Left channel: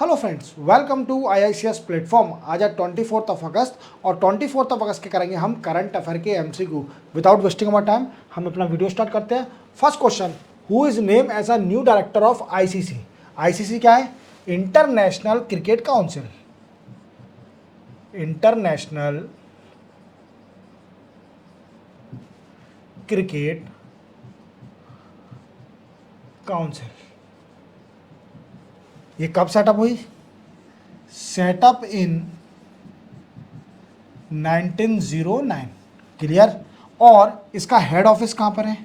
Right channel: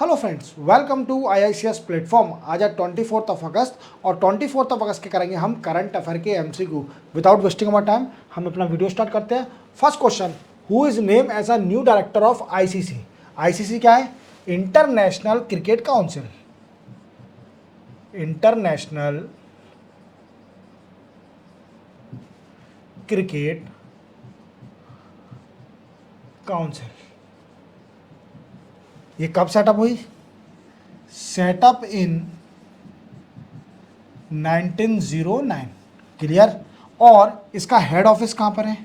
Hello friends, welcome to IICS platform. आज है 24 अगस्त और 24 अगस्त के करेंगे हम करंट अफेयर के MCQ। Without wasting our time हम अपना वीडियो स्टार्ट करते हैं। First question, who is named as a new director of ICC? ICC क्या है? International Cricket Council. International Cricket Council. ये कब सेटअप हुई? Setup in 1909। क्लियर? और इसका हेड ऑफिस कहां पर है?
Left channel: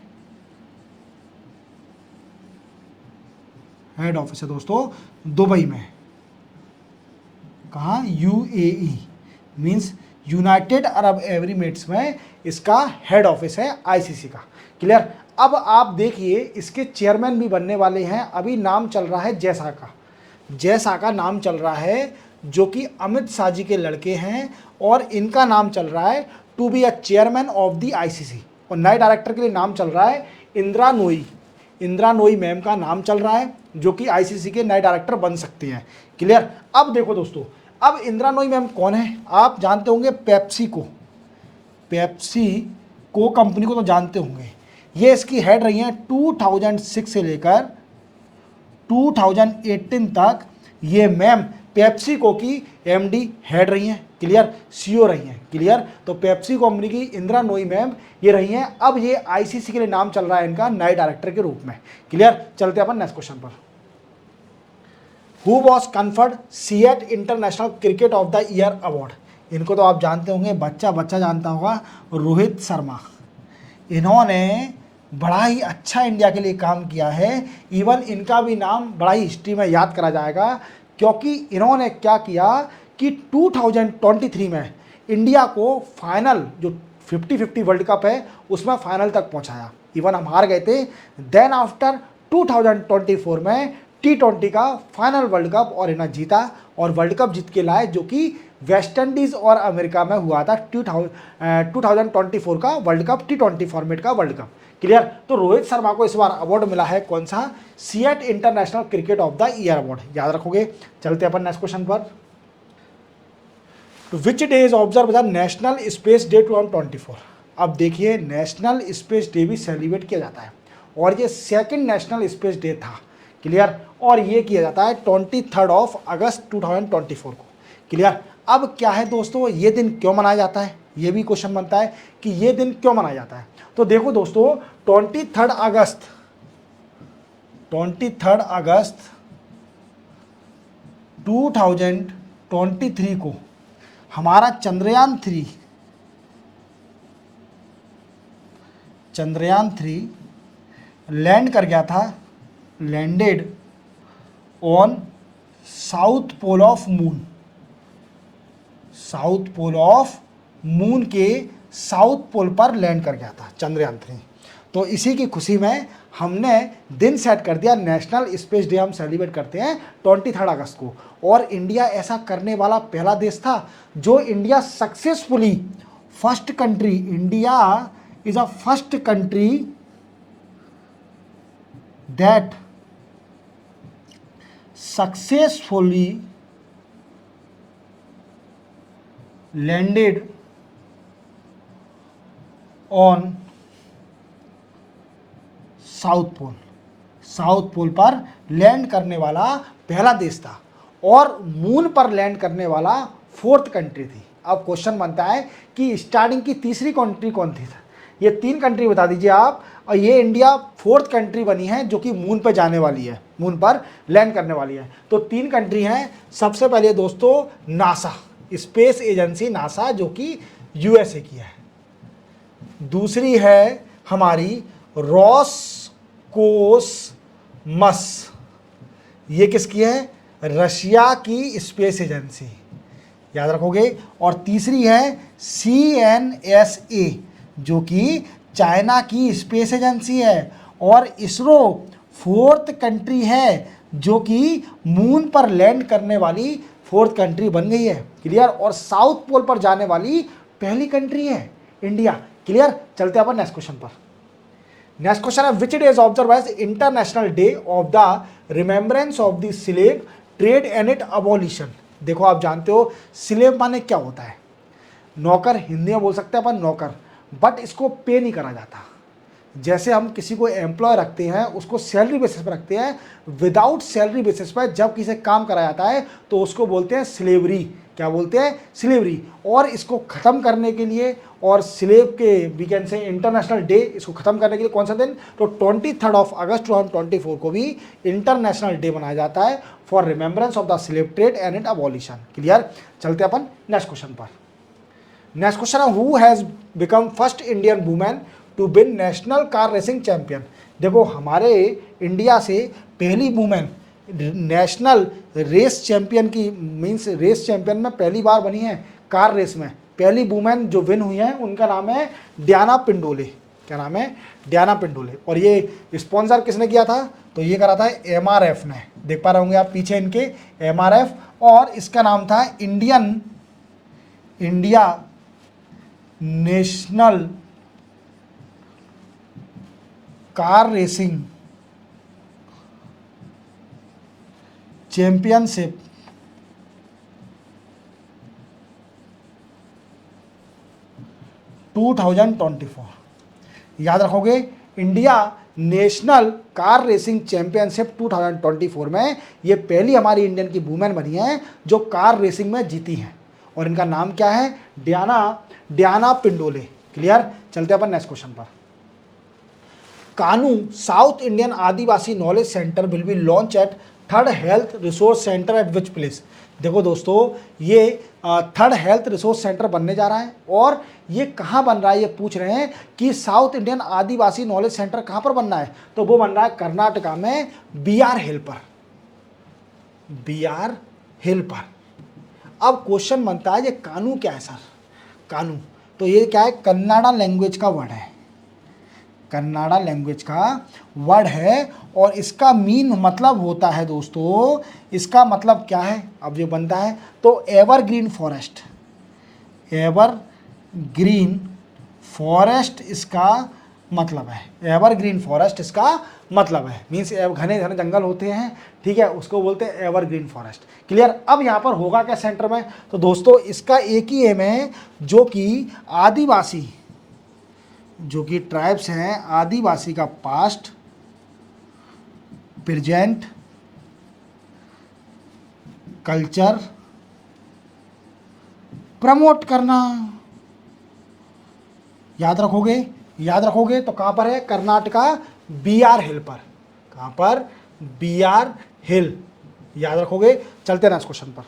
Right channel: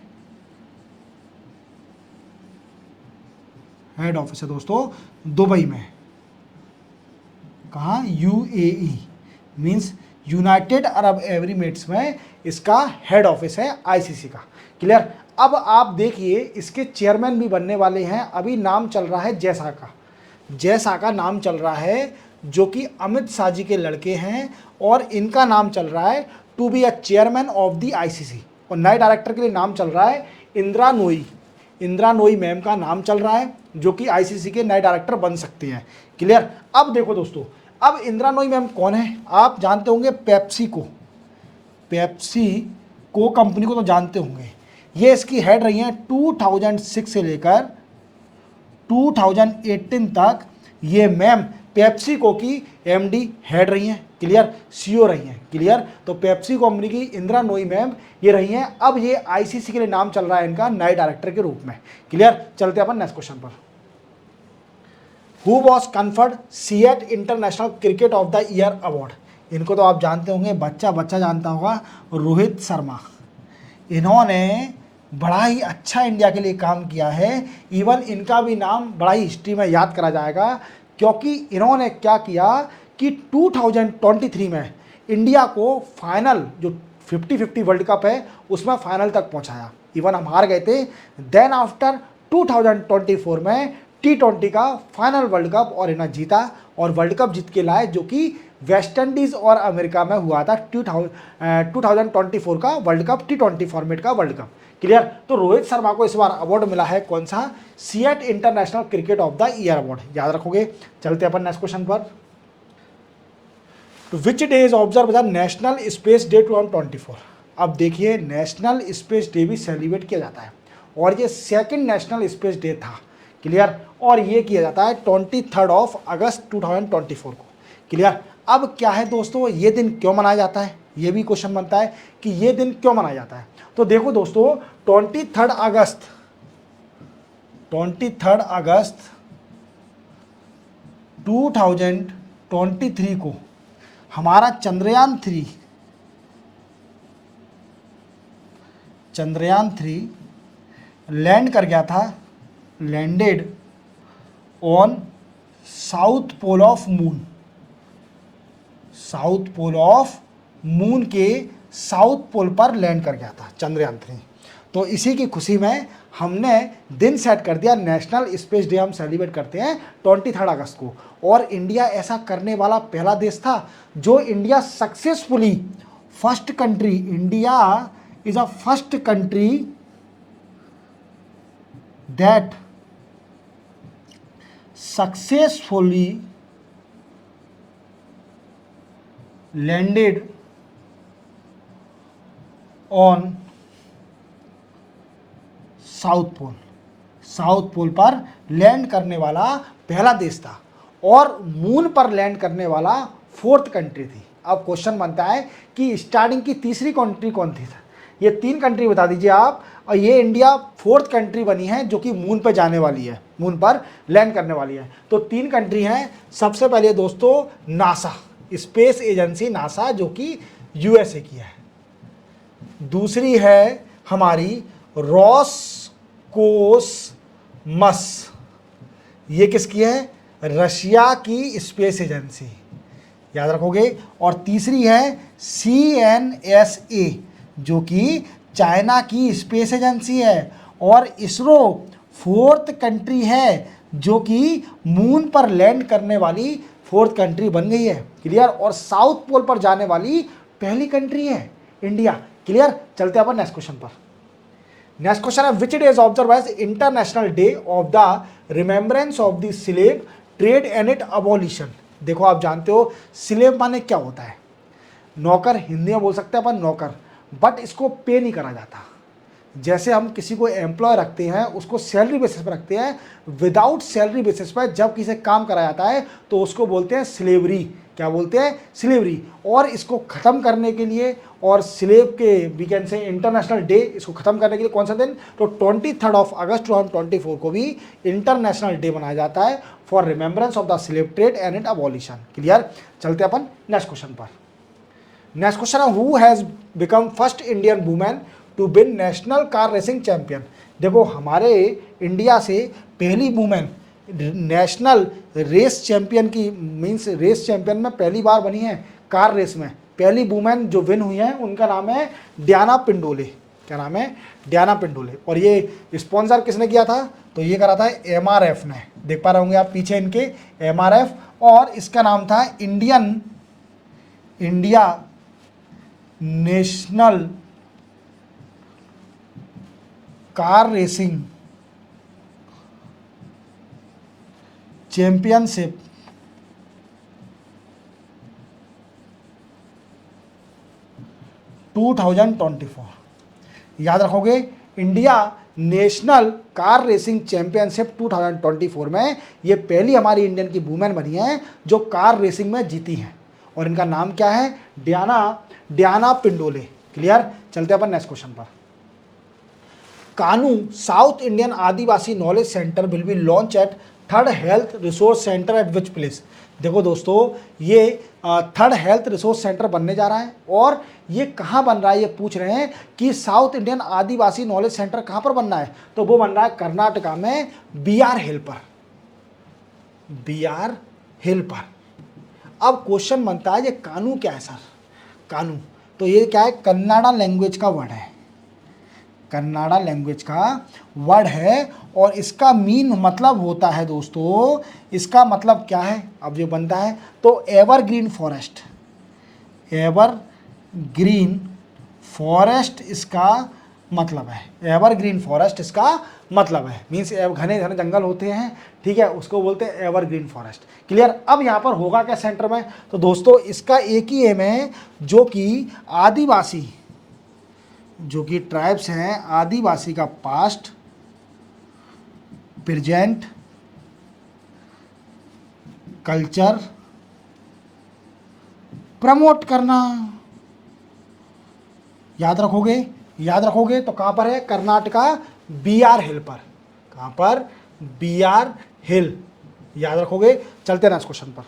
हेड ऑफिस है दोस्तों दुबई में। कहाँ? UAE means United Arab Emirates में इसका हेड ऑफिस है ICC का। क्लियर? अब आप देखिए, इसके चेयरमैन भी बनने वाले हैं। अभी नाम चल रहा है जैसा का, जैसा का नाम चल रहा है, जो कि अमित शाह जी के लड़के हैं, और इनका नाम चल रहा है to be a chairman of the ICC। और नए डायरेक्टर के लिए नाम चल रहा है इंदिरा नोई। इंदिरा नोई मैम का नाम चल रहा है, जो कि ICC के नए डायरेक्टर बन सकते हैं। क्लियर? अब देखो दोस्तों, अब इंदिरा नोई मैम कौन है? आप जानते होंगे पेप्सी को। पेप्सी को कंपनी को तो जानते होंगे। ये इसकी हेड रही हैं 2006 से लेकर 2018 तक। ये मैम पेप्सी को की MD हेड रही हैं। क्लियर? CEO रही हैं। क्लियर? तो पेप्सी कंपनी की इंदिरा नोई मैम ये रही है। अब ये ICC के लिए नाम चल रहा है इनका नए डायरेक्टर के रूप में। International cricket of the year award, इनको तो आप जानते होंगे, बच्चा बच्चा जानता होगा, रोहित शर्मा। इन्होंने बड़ा ही अच्छा इंडिया के लिए काम किया है। इवन इनका भी नाम बड़ा ही हिस्ट्री में याद करा जाएगा, क्योंकि इन्होंने क्या किया कि 2023 में इंडिया को फाइनल, जो 50-50 वर्ल्ड कप है, उसमें फाइनल तक पहुंचाया। इवन हम हार गए थे। देन आफ्टर 2024 में T20 का फाइनल वर्ल्ड कप और इन्हें जीता, और वर्ल्ड कप जीत के लाए, जो कि वेस्ट इंडीज और अमेरिका में हुआ था 2024 का वर्ल्ड कप, T20 फॉर्मेट का वर्ल्ड कप। क्लियर? तो रोहित शर्मा को इस बार अवार्ड मिला है, कौन सा? CEAT international cricket of the year award. याद रखोगे। चलते अपन नेक्स्ट क्वेश्चन पर। विच day is observe the national space day 2024? अब देखिए, नेशनल स्पेस डे भी सेलिब्रेट किया जाता है, और ये सेकंड नेशनल स्पेस डे था। क्लियर? और ये किया जाता है 23 अगस्त 2024 को। क्लियर? अब क्या है दोस्तों, ये दिन क्यों मनाया जाता है? ये भी क्वेश्चन बनता है कि ये दिन क्यों मनाया जाता है। तो देखो दोस्तों, 23 अगस्त 2023 को हमारा चंद्रयान 3 लैंड कर गया था। Landed on south pole of moon. South pole of moon के साउथ पोल पर लैंड कर गया था चंद्रयान 3। तो इसी की खुशी में हमने दिन सेट कर दिया, नेशनल स्पेस डे हम सेलिब्रेट करते हैं 23 अगस्त को। और इंडिया ऐसा करने वाला पहला देश था, जो India successfully first country, India is a first country that successfully landed on south pole. South pole पर लैंड करने वाला पहला देश था, और मून पर लैंड करने वाला 4th कंट्री थी। अब क्वेश्चन बनता है कि स्टार्टिंग की तीसरी कंट्री कौन थी? ये 3 कंट्री बता दीजिए आप, और ये इंडिया 4th कंट्री बनी है, जो कि मून पर जाने वाली है, मून पर लैंड करने वाली है। तो 3 कंट्री हैं। सबसे पहले दोस्तों नासा, स्पेस एजेंसी नासा, जो कि USA की है। दूसरी है हमारी रॉसकोसमस, ये किसकी है? रशिया की स्पेस एजेंसी। याद रखोगे। और तीसरी है CNSA, जो कि चाइना की स्पेस एजेंसी है। और इसरो 4th कंट्री है, जो कि मून पर लैंड करने वाली 4th कंट्री बन गई है। क्लियर? और साउथ पोल पर जाने वाली पहली कंट्री है इंडिया। क्लियर? चलते हैं अपन नेक्स्ट क्वेश्चन पर। नेक्स्ट क्वेश्चन है, which day is observe as international day of the remembrance of the slave trade and it abolition. देखो आप जानते हो स्लेव माने क्या होता है, नौकर हिंदी में बोल सकते हैं अपन नौकर, बट इसको पे नहीं करा जाता। जैसे हम किसी को एम्प्लॉय रखते हैं उसको सैलरी बेसिस पर रखते हैं, विदाउट सैलरी बेसिस पर जब किसी से काम कराया जाता है तो उसको बोलते हैं स्लेवरी। क्या बोलते हैं? स्लेवरी। और इसको ख़त्म करने के लिए, और स्लेव के we can say international day, इसको ख़त्म करने के लिए कौन सा दिन? तो 23 अगस्त 2024 को भी इंटरनेशनल डे मनाया जाता है for remembrance of the slave trade and it abolition. Clear? चलते अपन नेक्स्ट क्वेश्चन पर। नेक्स्ट क्वेश्चन है, who has become first Indian women to win national car racing champion. देखो हमारे इंडिया से पहली वुमेन नेशनल रेस चैंपियन की, means race champion में पहली बार बनी है कार रेस में। पहली वुमेन जो विन हुई है उनका नाम है डियाना पिंडोले। क्या नाम है? डियाना पिंडोले। और ये स्पॉन्सर किसने किया था? तो ये करा था एमआरएफ ने। देख पा रहे होंगे आप पीछे इनके एमआरएफ, और इसका नाम था India national car racing championship 2024। याद रखोगे, India national car racing championship 2024 में ये पहली हमारी इंडियन की वुमेन बनी है जो कार रेसिंग में जीती है। इनका नाम क्या है? डियाना पिंडोले। चलते हैं नेक्स्ट क्वेश्चन पर। Kanu South Indian Adivasi knowledge centre will be launch at third health resource centre at which place. देखो दोस्तों, ये थर्ड हेल्थ रिसोर्स सेंटर बनने जा रहा है, और ये कहाँ बन रहा है? ये पूछ रहे हैं कि south Indian Adivasi knowledge centre कहाँ पर बनना है? तो वो बन रहा है कर्नाटका में बीआर हिल पर। बीआर हिल पर। अब क्वेश्चन बनता है ये कानू क्या है सर? कानू तो ये क्या है? कन्नाडा लैंग्वेज का वर्ड है। कन्नाडा लैंग्वेज का वर्ड है, और इसका मीन मतलब होता है दोस्तों, इसका मतलब क्या है? अब ये बनता है तो एवरग्रीन फॉरेस्ट। एवरग्रीन फॉरेस्ट इसका मतलब है। एवरग्रीन फॉरेस्ट इसका मतलब है, मीन्स घने घने जंगल होते हैं, ठीक है, उसको बोलते हैं एवरग्रीन फॉरेस्ट। क्लियर? अब यहाँ पर होगा क्या सेंटर में? तो दोस्तों इसका एक ही एम है, जो कि आदिवासी, जो कि ट्राइब्स हैं, आदिवासी का पास्ट, प्रेजेंट, कल्चर प्रमोट करना। याद रखोगे? याद रखोगे तो कहां पर है? कर्नाटका बीआर हिल पर। कहां पर? BR hill. याद रखोगे। चलते हैं नेक्स्ट क्वेश्चन पर।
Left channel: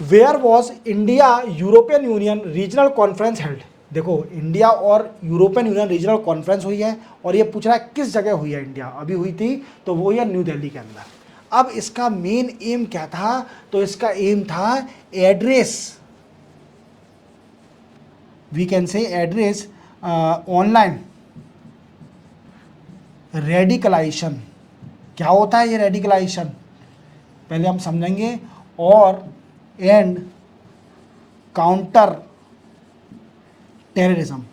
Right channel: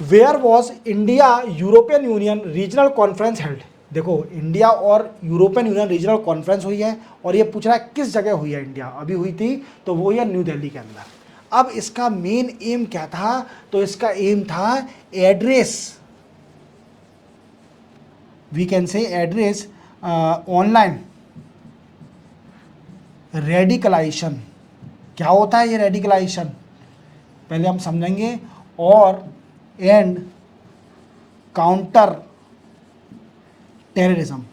Where was India European Union regional conference held. देखो इंडिया और यूरोपियन यूनियन रीजनल कॉन्फ्रेंस हुई है, और ये पूछ रहा है किस जगह हुई है इंडिया। अभी हुई थी तो वो है न्यू दिल्ली के अंदर। अब इसका मेन एम क्या था? तो इसका एम था address, we can say address online radicalisation. क्या होता है ये रेडिकलाइजेशन? पहले हम समझेंगे। और and counter terrorism.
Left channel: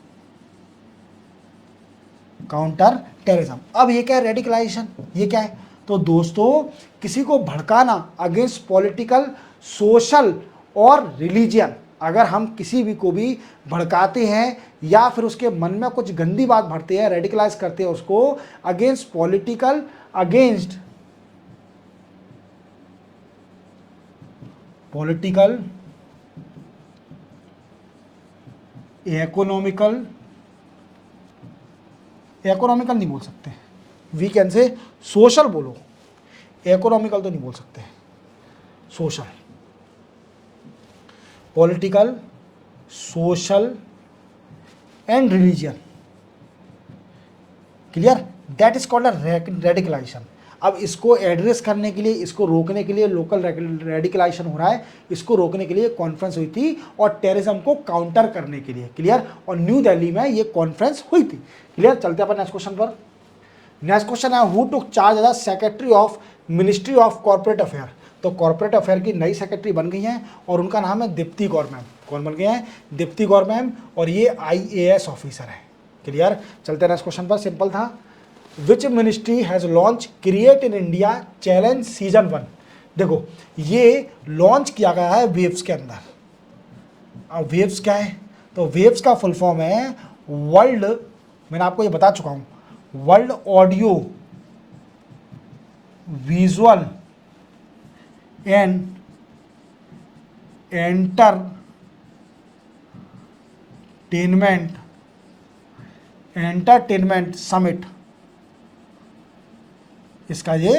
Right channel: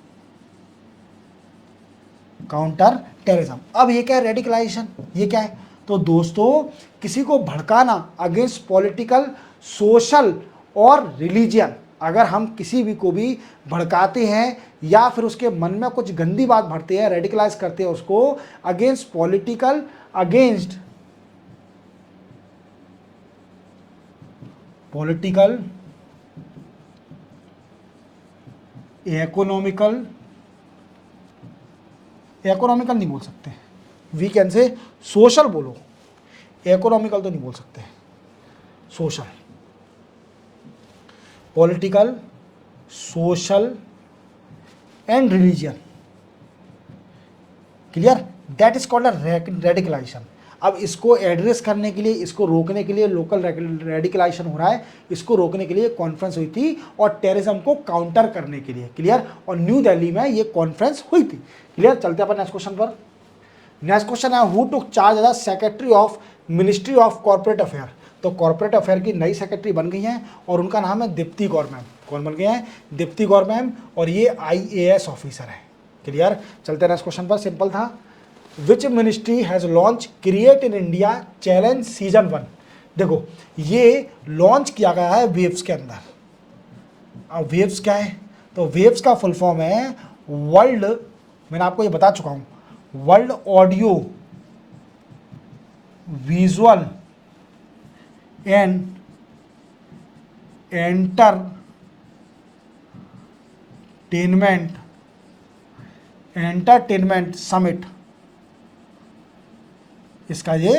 Counter terrorism. अब ये क्या है रेडिकलाइजेशन? ये क्या है? तो दोस्तों किसी को भड़काना अगेंस्ट पॉलिटिकल, सोशल और रिलीजियन। अगर हम किसी भी को भी भड़काते हैं या फिर उसके मन में कुछ गंदी बात भरते हैं, रेडिकलाइज करते हैं उसको, against political, against political, economical, economical नहीं बोल सकते, वी कैन से सोशल बोलो, इकोनॉमिकल तो नहीं बोल सकते, social, political, social and religion. Clear? That is called radicalisation. अब इसको एड्रेस करने के लिए, इसको रोकने के लिए, लोकल रेडिकलाइजेशन हो रहा है, इसको रोकने के लिए कॉन्फ्रेंस हुई थी, और टेररिज्म को काउंटर करने के लिए। क्लियर? और न्यू दिल्ली में ये कॉन्फ्रेंस हुई थी। क्लियर? चलते हैं अपन नेक्स्ट क्वेश्चन पर। नेक्स्ट क्वेश्चन है, who took charge as secretary of ministry of corporate affair. तो कॉर्पोरेट अफेयर की नई सेक्रेटरी बन गई हैं, और उनका नाम है दीप्ति गौरमैन। कौन बन गए हैं? दीप्ति गौरमैन, और ये आईएएस ऑफिसर है। क्लियर? चलते हैं नेक्स्ट क्वेश्चन पर। सिंपल था। Which ministry has launch create in India challenge season 1। देखो ये लॉन्च किया गया है वेव्स के अंदर। अब वेव्स क्या है, तो वेव्स का फुल फॉर्म है वर्ल्ड, मैंने आपको ये बता चुका हूँ, world audio visual and entertainment summit, इसका ये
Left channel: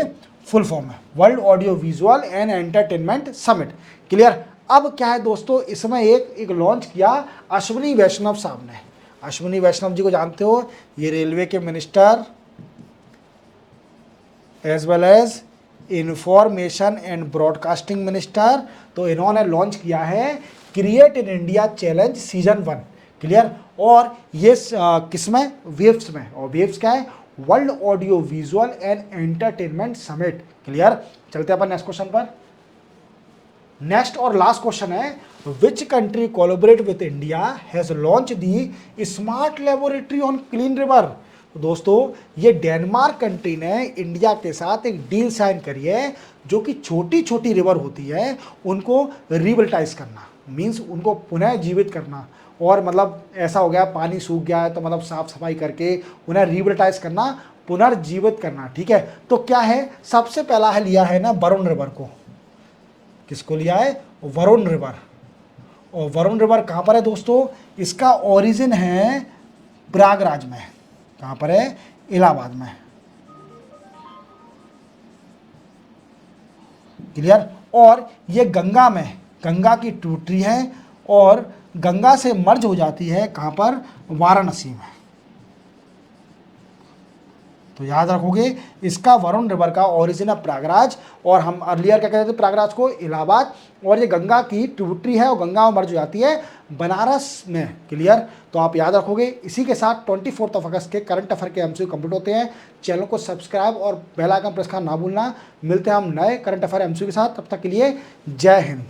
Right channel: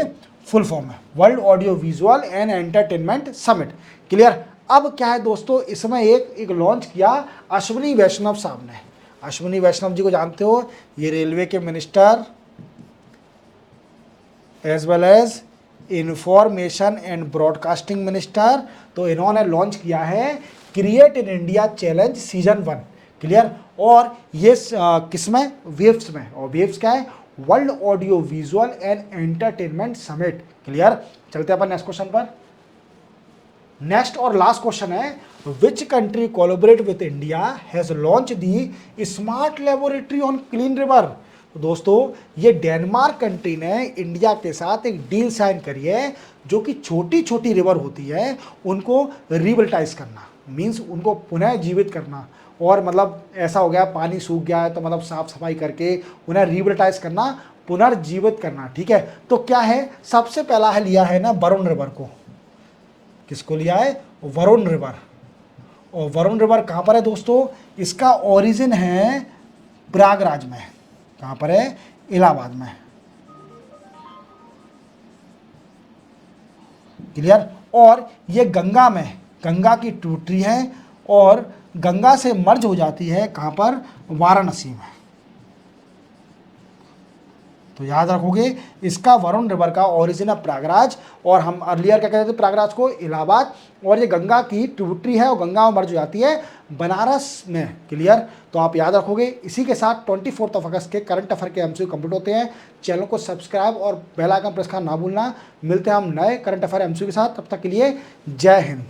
फुल फॉर्म है, world audio visual and entertainment summit. Clear. अब क्या है दोस्तों, इसमें एक लॉन्च किया अश्विनी वैष्णव साहब ने। अश्विनी वैष्णव जी को जानते हो, ये रेलवे के minister as well as information and broadcasting minister. तो इन्होंने लॉन्च किया है create in India challenge season 1। Clear. और ये किसमें, वेव्स में, और वेव्स क्या है, world audio visual and entertainment summit. Clear. चलते हैं अपन नेक्स्ट क्वेश्चन पर। नेक्स्ट और लास्ट क्वेश्चन है, which country collaborate with India has launch the smart laboratory on clean river. तो दोस्तों ये डेनमार्क कंट्री ने इंडिया के साथ एक डील साइन करी है, जो कि छोटी छोटी रिवर होती है उनको रिविल्टाइज करना, मीन्स उनको पुनः जीवित करना। और मतलब ऐसा हो गया पानी सूख गया है तो मतलब साफ सफाई करके उन्हें रिविल्टाइज करना, पुनर्जीवित करना। ठीक है। तो क्या है, सबसे पहला है लिया है ना वरुण रिवर को। किसको लिया है, वरुण रिवर। और वरुण रिवर कहाँ पर है दोस्तों, इसका ओरिजिन है प्रयागराज में। कहाँ पर है, इलाहाबाद में। क्लियर। और ये गंगा में, गंगा की ट्रिब्यूटरी है और गंगा से मर्ज हो जाती है कहाँ पर, वाराणसी में। तो याद रखोगे, इसका वरुण रिवर का ओरिजिन है प्रयागराज, और हम अर्लियर क्या कहते थे प्रयागराज को, इलाहाबाद। और ये गंगा की ट्रिब्यूटरी है और गंगा में मर्ज हो जाती है बनारस में। क्लियर। तो आप याद रखोगे। इसी के साथ 24 अगस्त के करंट अफेयर के एमसीक्यू कंप्लीट होते हैं। चैनल को सब्सक्राइब और बेल आइकन प्रेस करना ना भूलना। मिलते हैं हम नए करंट अफेयर एमसीक्यू के साथ, तब तक के लिए जय हिंद।